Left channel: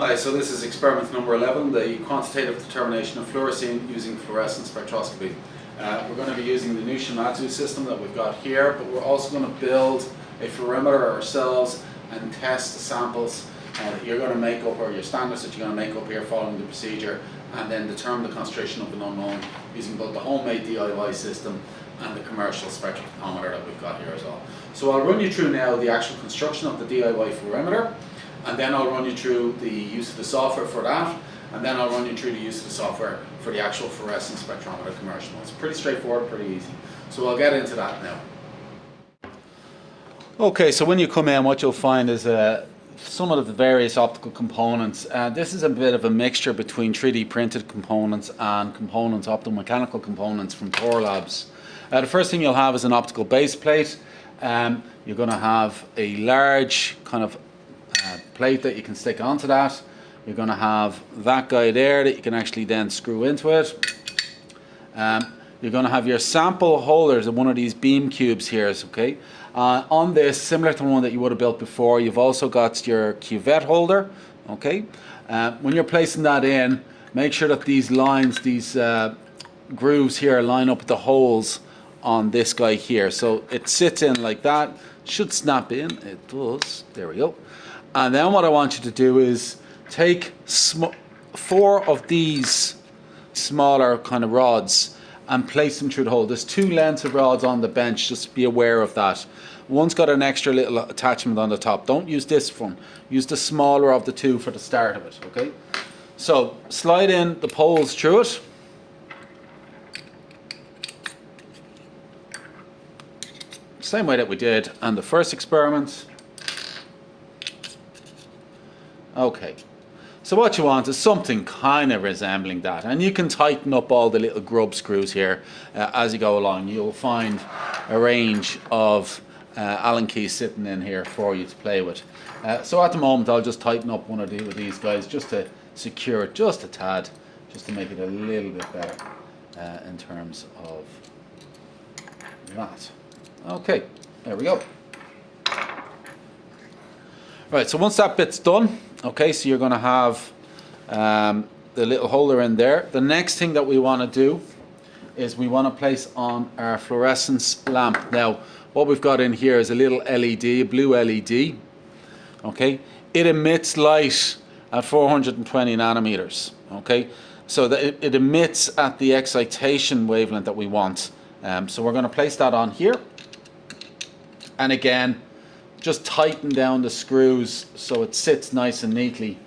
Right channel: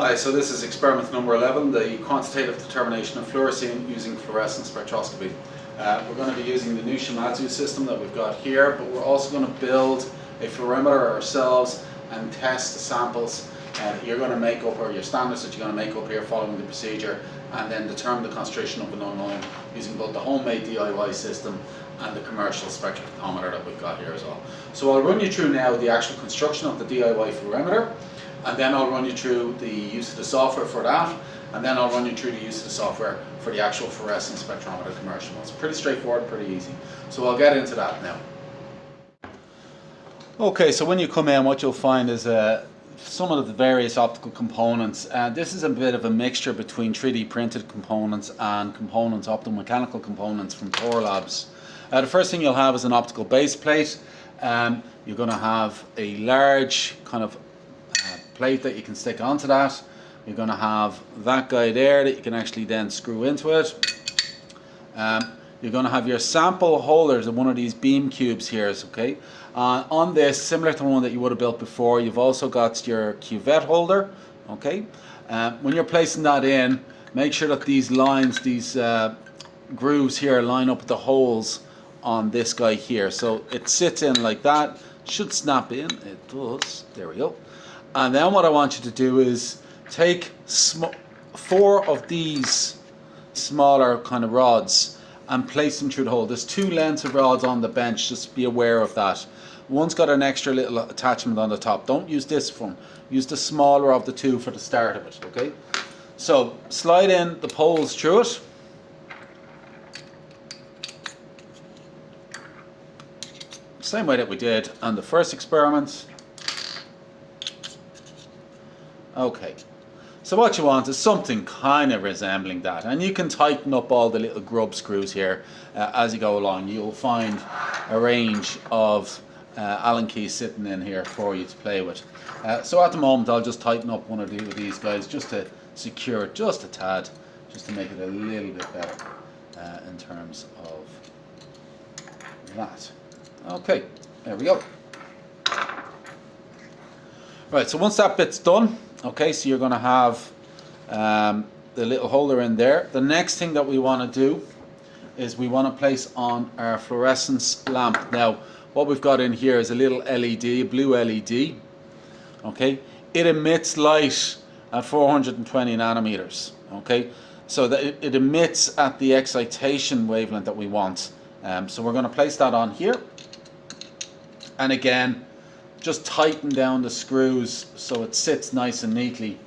Hi, so this is experiment number 11, the quantitative determination of fluorescence using fluorescence spectroscopy. We're going to be using the new Shimadzu system that we've got here, but we're also going to build a fluorimeter ourselves and test the samples that you're going to make up, or your standards that you're going to make up here following the procedure, and then determine the concentration of an unknown using both the homemade DIY system and the commercial spectrometer that we've got here as well. So I'll run you through now the actual construction of the DIY fluorimeter, and then I'll run you through the use of the software for that, and then I'll run you through the use of the software for the actual fluorescence spectrometer commercial. It's pretty straightforward, pretty easy. So I'll get into that now. Okay, so when you come in, what you'll find is some of the various optical components. This is a bit of a mixture between 3D printed components and components, optomechanical components from Tor Labs. The first thing you'll have is an optical base plate. You're going to have a large kind of plate that you can stick onto that. You're going to have that guy there that you can actually then screw into it. You're going to have your sample holders in one of these beam cubes here, okay? On this, similar to the one that you would have built before, you've also got your cuvette holder, okay? When you're placing that in, make sure that these lines, these grooves here line up with the holes on this guy here. So it sits in like that, should snap in, it does, there we go. And then what I want you to do is take 4 of these smaller kind of rods and place them through the hole. There's 2 lengths of rods on the bench, just be aware of that. One's got an extra little attachment on the top. Don't use this one. Use the smaller of the 2 for the start of it, okay? So slide in the poles through it. Same way that we did on the first experiment. Okay, so what you want is something kind of resembling that, and you can tighten up all the little grub screws here as you go along. You'll find a range of Allen keys sitting in here for you to play with. So at the moment I'll just tighten up one or 2 of these guys just to secure it just a tad, just to make it a little bit better in terms of that. Okay, there we go. Right, so once that bit's done, okay, so you're going to have the little holder in there. The next thing that we want to do is we want to place on our fluorescence lamp. Now, what we've got in here is a little LED, a blue LED. Okay, it emits light at 420 nanometers. Okay, so that it emits at the excitation wavelength that we want. So we're going to place that on here, and again, just tighten down the screws so it sits nice and neatly.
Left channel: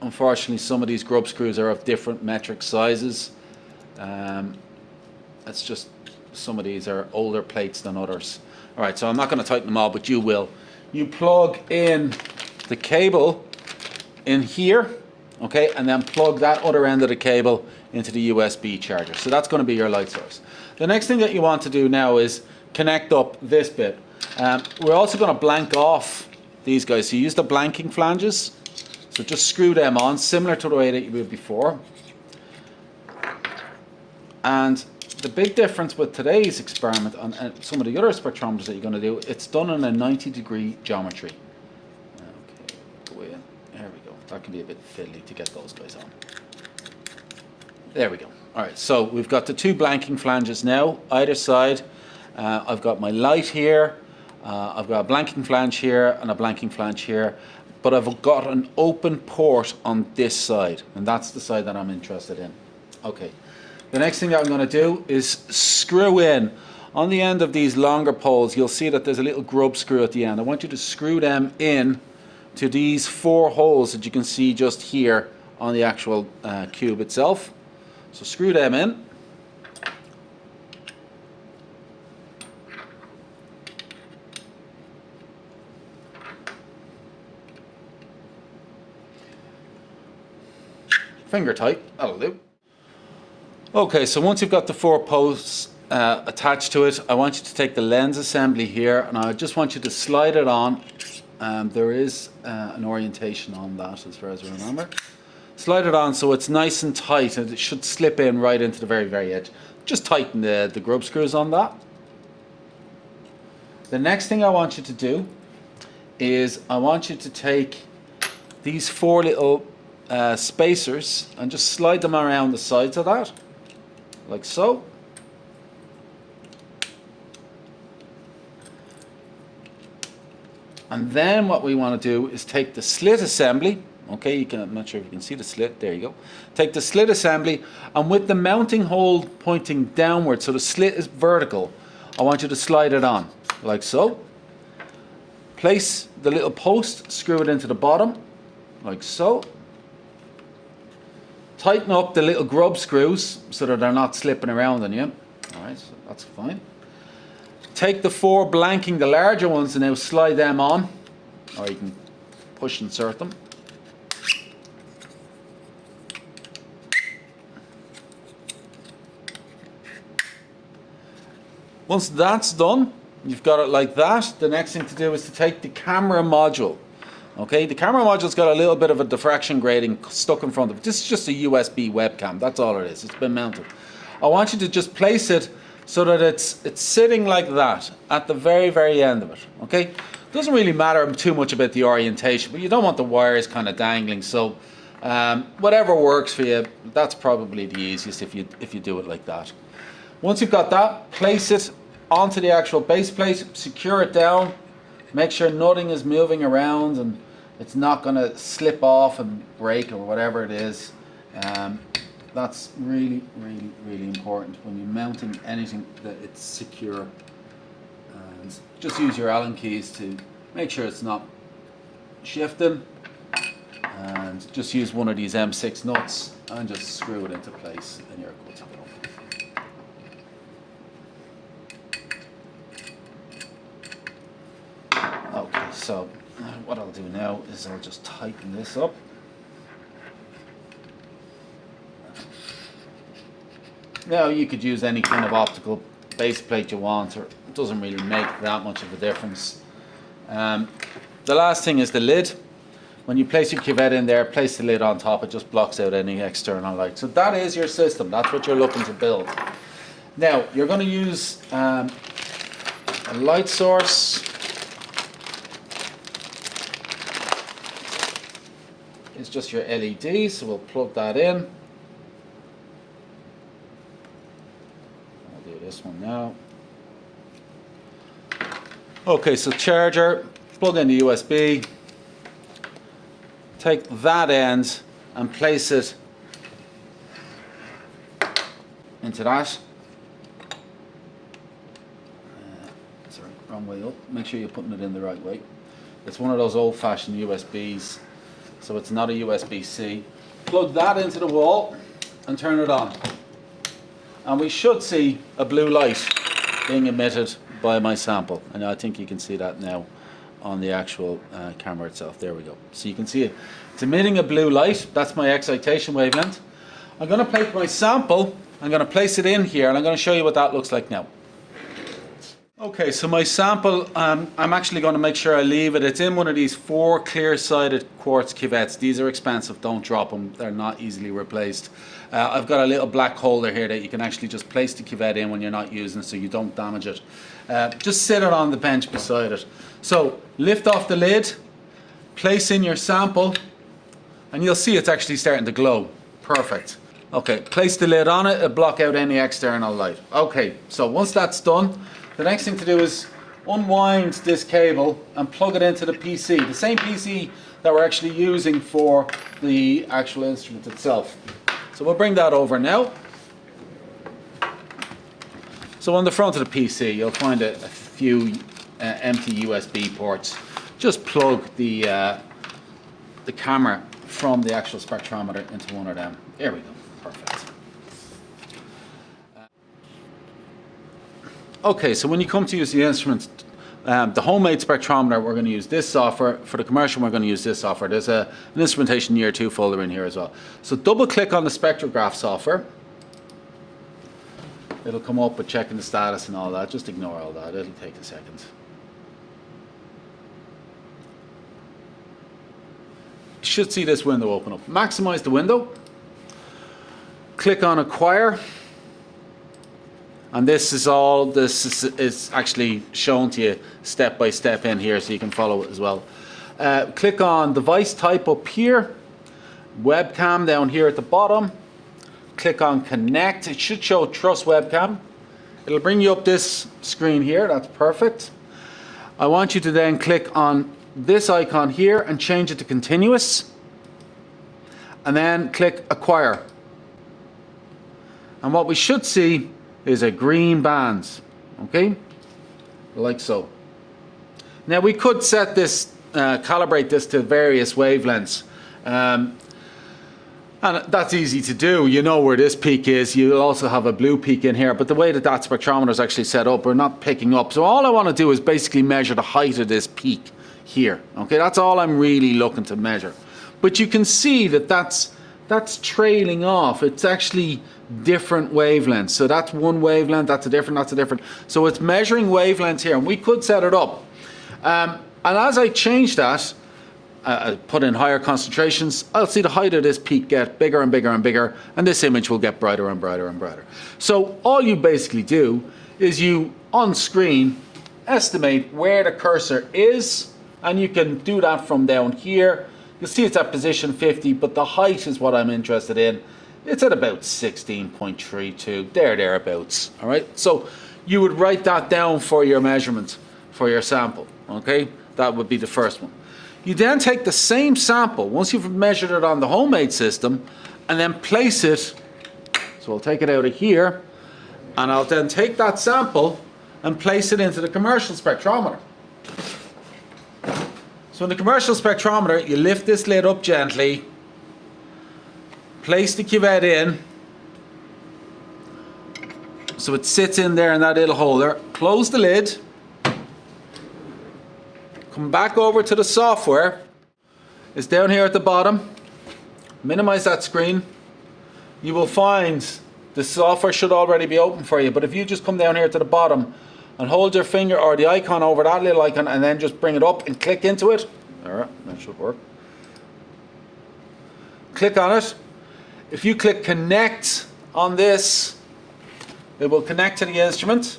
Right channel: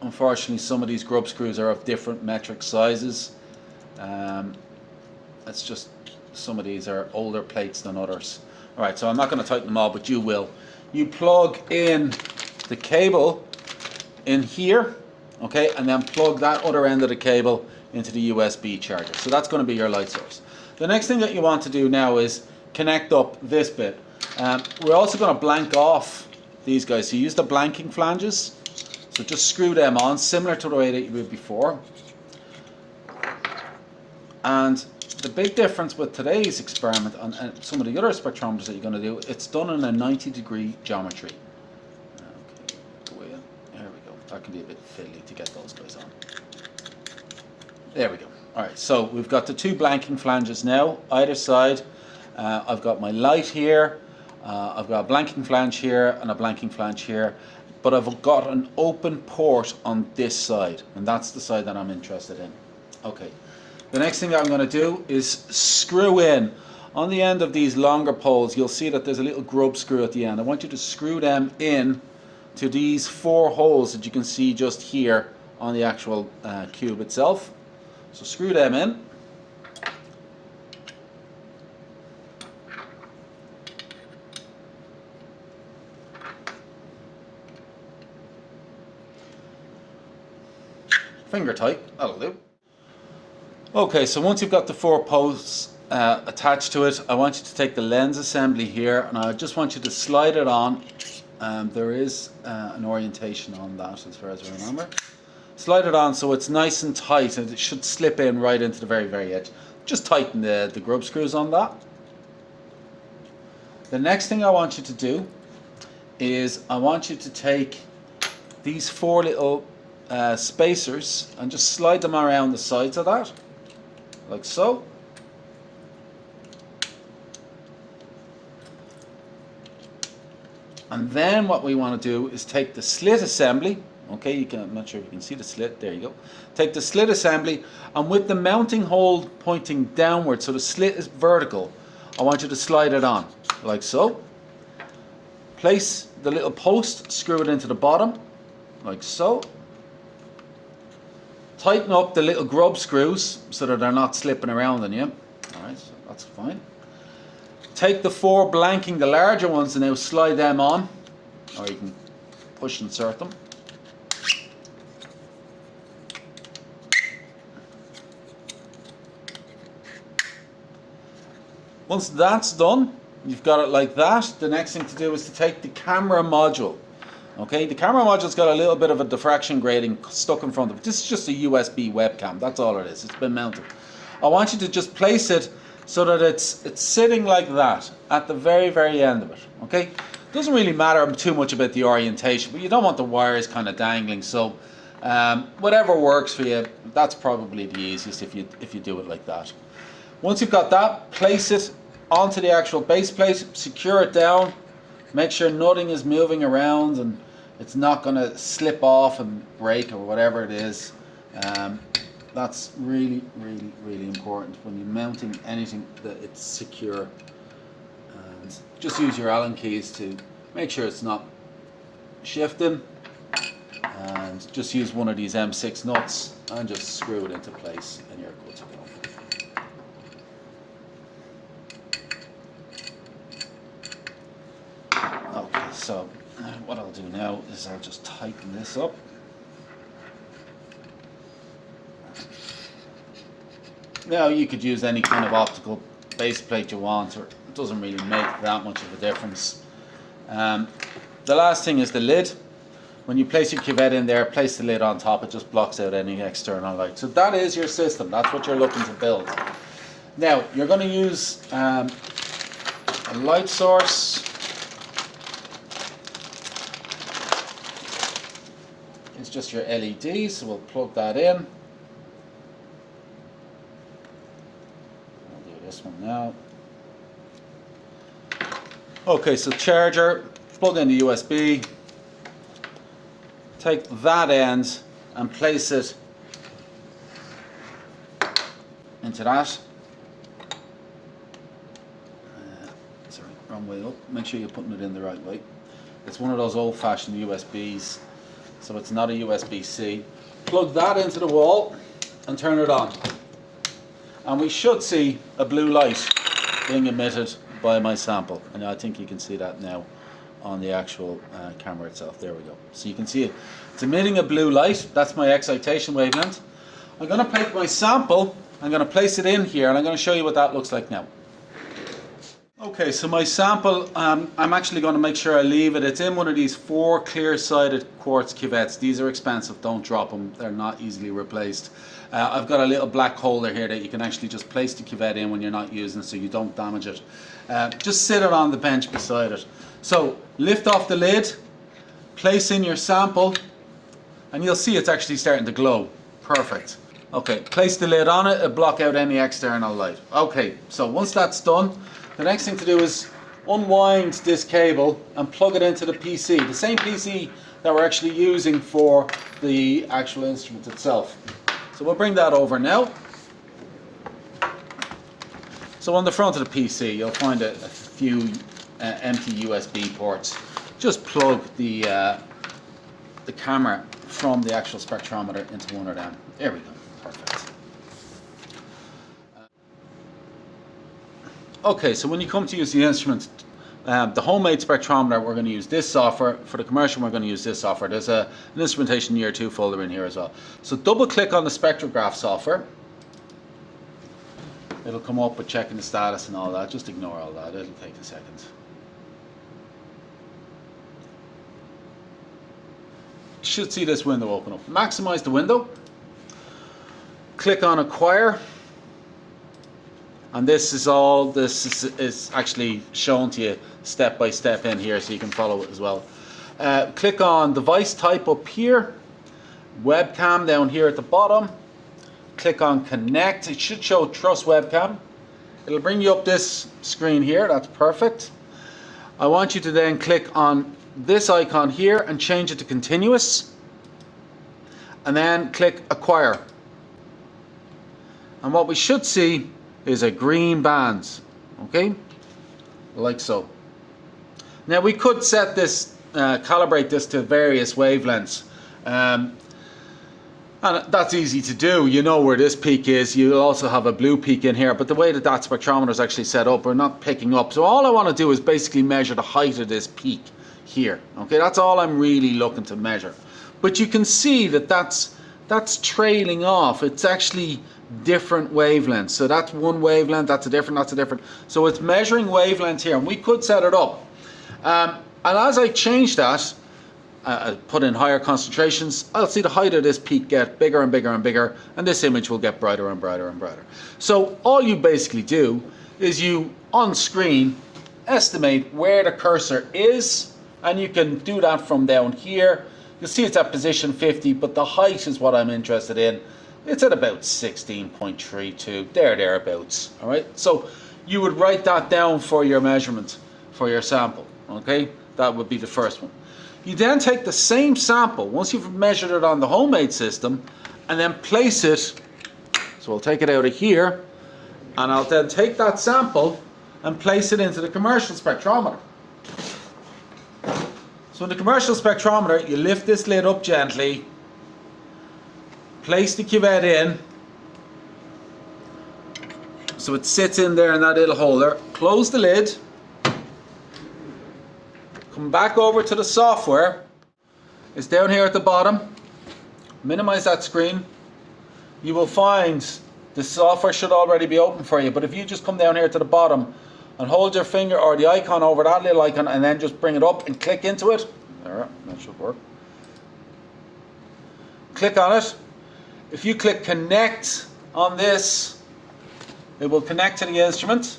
Unfortunately, some of these grub screws are of different metric sizes. It's just some of these are older plates than others. Alright, so I'm not going to tighten them all, but you will. You plug in the cable in here, okay, and then plug that other end of the cable into the USB charger. So that's going to be your light source. The next thing that you want to do now is connect up this bit. We're also going to blank off these guys. So you use the blanking flanges. So just screw them on, similar to the way that you did before. And the big difference with today's experiment on some of the other spectrometers that you're going to do, it's done in a 90-degree geometry. Okay, go in. There we go. That can be a bit fiddly to get those guys on. There we go. Alright, so we've got the 2 blanking flanges now, either side. I've got my light here, I've got a blanking flange here and a blanking flange here, but I've got an open port on this side, and that's the side that I'm interested in. Okay, the next thing that I'm going to do is screw in. On the end of these longer poles, you'll see that there's a little grub screw at the end. I want you to screw them in to these 4 holes that you can see just here on the actual cube itself. So screw them in. Finger tight, that'll do. Okay, so once you've got the 4 posts attached to it, I want you to take the lens assembly here, and I just want you to slide it on. There is an orientation on that as far as I remember. Slide it on so it's nice and tight, and it should slip in right into the very, very edge. Just tighten the grub screws on that. The next thing I want you to do is I want you to take these four little spacers and just slide them around the sides of that, like so. And then what we want to do is take the slit assembly. Okay, I'm not sure if you can see the slit. There you go. Take the slit assembly, and with the mounting hole pointing downward, so the slit is vertical, I want you to slide it on, like so. Place the little post, screw it into the bottom, like so. Tighten up the little grub screws so that they're not slipping around on you. Alright, so that's fine. Take the four blanking, the larger ones, and now slide them on, or you can push insert them. Once that's done, you've got it like that. The next thing to do is to take the camera module. Okay, the camera module's got a little bit of a diffraction grating stuck in front of it. This is just a USB webcam, that's all it is. It's been mounted. I want you to just place it so that it's sitting like that at the very, very end of it. Okay, doesn't really matter too much about the orientation, but you don't want the wires kind of dangling. So whatever works for you, that's probably the easiest if you do it like that. Once you've got that, place it onto the actual base plate, secure it down, make sure nothing is moving around and it's not going to slip off and break or whatever it is. That's really, really, really important when you're mounting anything, that it's secure. And just use your Allen keys to make sure it's not shifting, and just use one of these M6 nuts and just screw it into place and you're good to go. Okay, so what I'll do now is I'll just tighten this up. Now you could use any kind of optical base plate you want, or it doesn't really make that much of a difference. The last thing is the lid. When you place your cuvette in there, place the lid on top. It just blocks out any external light. So that is your system. That's what you're looking to build. Now you're going to use a light source. It's just your LED, so we'll plug that in. I'll do this one now. Okay, so charger, plug in the USB, take that end and place it into that. Sorry, wrong way up. Make sure you're putting it in the right way. It's one of those old-fashioned USBs, so it's not a USB-C. Plug that into the wall and turn it on. And we should see a blue light being emitted by my sample. And I think you can see that now on the actual camera itself. There we go. So you can see it. It's emitting a blue light. That's my excitation wavelength. I'm going to take my sample, I'm going to place it in here, and I'm going to show you what that looks like now. Okay, so my sample, I'm actually going to make sure I leave it. It's in one of these 4 clear-sided quartz cuvettes. These are expensive, don't drop them. They're not easily replaced. I've got a little black holder here that you can actually just place the cuvette in when you're not using it so you don't damage it. Just sit it on the bench beside it. So lift off the lid, place in your sample, and you'll see it's actually starting to glow. Perfect. Okay, place the lid on it, it'll block out any external light. Okay, so once that's done, the next thing to do is unwind this cable and plug it into the PC, the same PC that we're actually using for the actual instrument itself. So we'll bring that over now. So on the front of the PC, you'll find a few empty USB ports. Just plug the camera from the actual spectrometer into one of them. There we go. Perfect. Okay, so when you come to use the instrument, the homemade spectrometer, we're going to use this software. For the commercial, we're going to use this software. There's an instrumentation year 2 folder in here as well. So double click on the spectrograph software. It'll come up with checking the status and all that. Just ignore all that. It'll take a second. You should see this window open up. Maximize the window. Click on acquire. And this is actually shown to you step by step in here, so you can follow it as well. Click on device type up here, webcam down here at the bottom. Click on connect. It should show trust webcam. It'll bring you up this screen here. That's perfect. I want you to then click on this icon here and change it to continuous, and then click acquire. And what we should see is a green band, okay, like so. Now we could set this, calibrate this to various wavelengths, and that's easy to do. You know where this peak is. You'll also have a blue peak in here, but the way that that spectrometer is actually set up, we're not picking up. So all I want to do is basically measure the height of this peak here. Okay, that's all I'm really looking to measure. But you can see that that's trailing off. It's actually different wavelengths. So that's one wavelength, that's a different. So it's measuring wavelengths here, and we could set it up. And as I change that, put in higher concentrations, I'll see the height of this peak get bigger and bigger and bigger, and this image will get brighter and brighter and brighter. So all you basically do is you, on screen, estimate where the cursor is, and you can do that from down here. You'll see it's at position 50, but the height is what I'm interested in. It's at about 16.32, thereabouts, all right? So you would write that down for your measurement, for your sample, okay? That would be the first one. You then take the same sample, once you've measured it on the homemade system, and then place it, so I'll take it out of here, and I'll then take that sample and place it into the commercial spectrometer. So in the commercial spectrometer, you lift this lid up gently, place the cuvette in, so it sits in there in that little holder, close the lid, come back over to the software. It's down here at the bottom. Minimize that screen. You will find the software should already be open for you, but if you just come down here to the bottom and hold your finger or the icon over that little icon and then just bring it up and click into it. Alright, that should work. Click on it. If you click connect on this, it will connect to the instrument.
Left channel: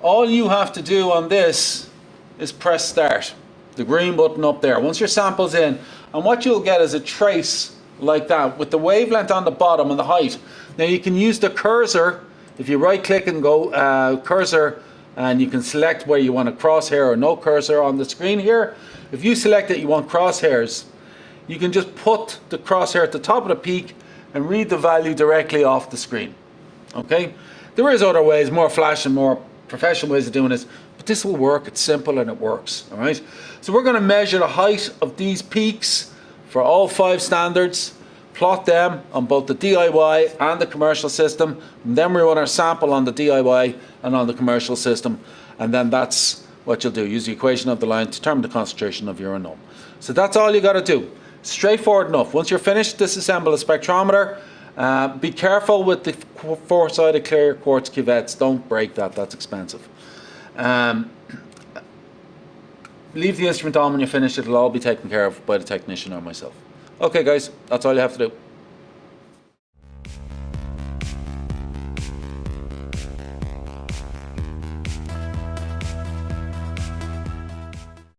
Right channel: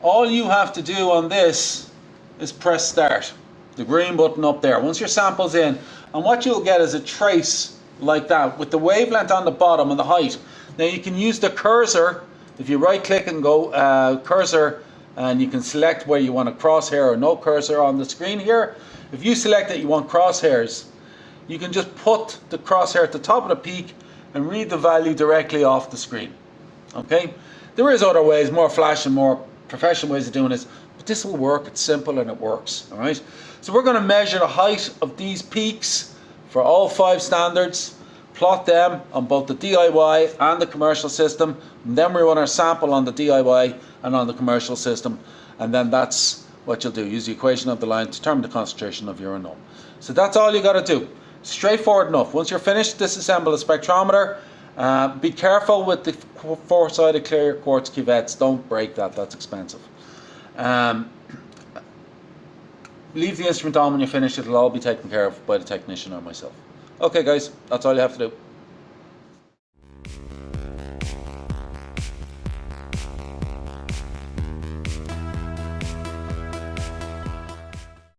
All you have to do on this is press start, the green button up there. Once your sample's in, and what you'll get is a trace like that with the wavelength on the bottom and the height. Now you can use the cursor. If you right click and go cursor, and you can select where you want a crosshair or no cursor on the screen here. If you select that you want crosshairs, you can just put the crosshair at the top of the peak and read the value directly off the screen. Okay, there is other ways, more flash and more professional ways of doing this, but this will work. It's simple and it works. All right, so we're going to measure the height of these peaks for all 5 standards, plot them on both the DIY and the commercial system, and then we run our sample on the DIY and on the commercial system, and then that's what you'll do. Use the equation of the line to determine the concentration of your unknown. So that's all you got to do. Straightforward enough. Once you're finished, disassemble a spectrometer. Be careful with the 4-sided clear quartz cuvettes. Don't break that. That's expensive. Leave the instrument on when you're finished. It'll all be taken care of by the technician or myself. Okay guys, that's all you have to do.